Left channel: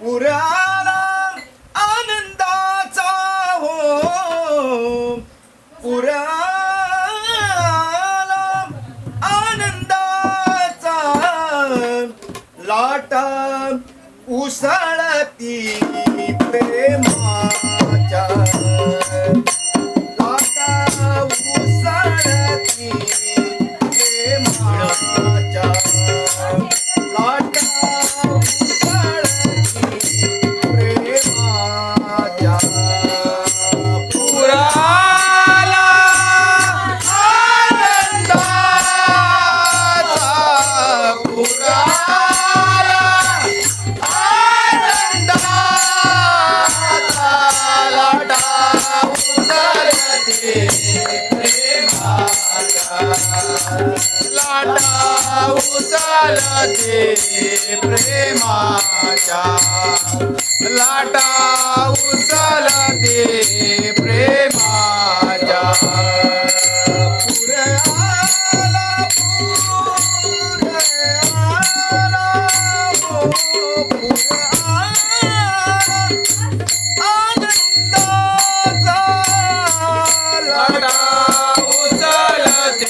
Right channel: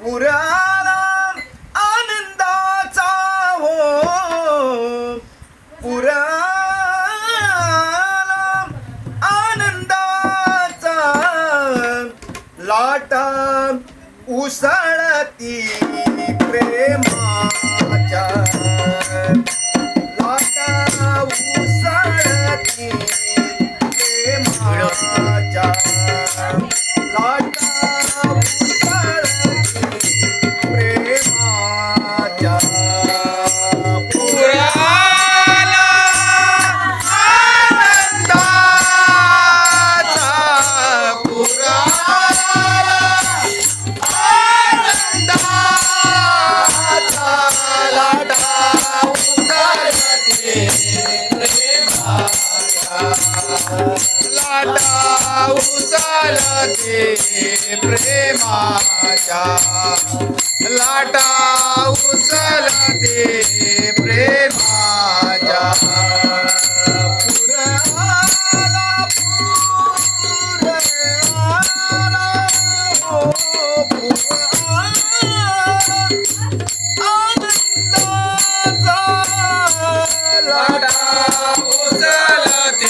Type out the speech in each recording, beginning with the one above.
Murat लाटा उसळती. लाटा उचलते प्रेमाच्या. लाटा उचलते प्रेमाच्या. पुर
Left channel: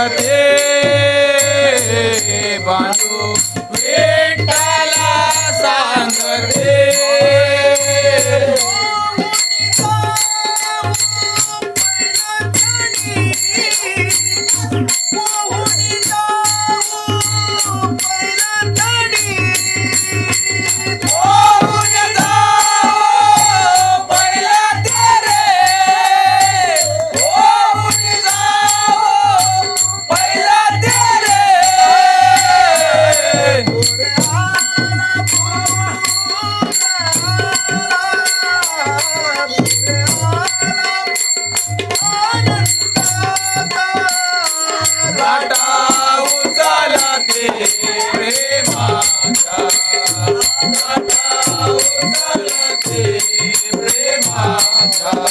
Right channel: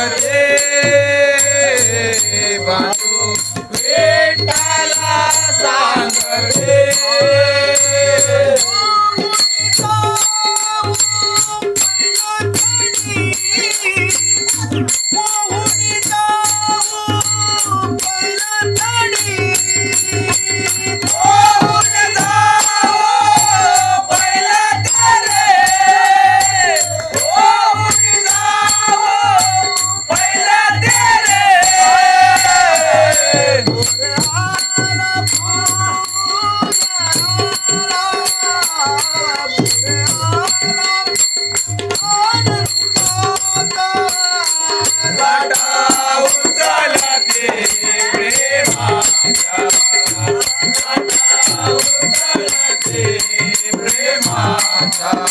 বাজে বাজে ప్రేమ చాలా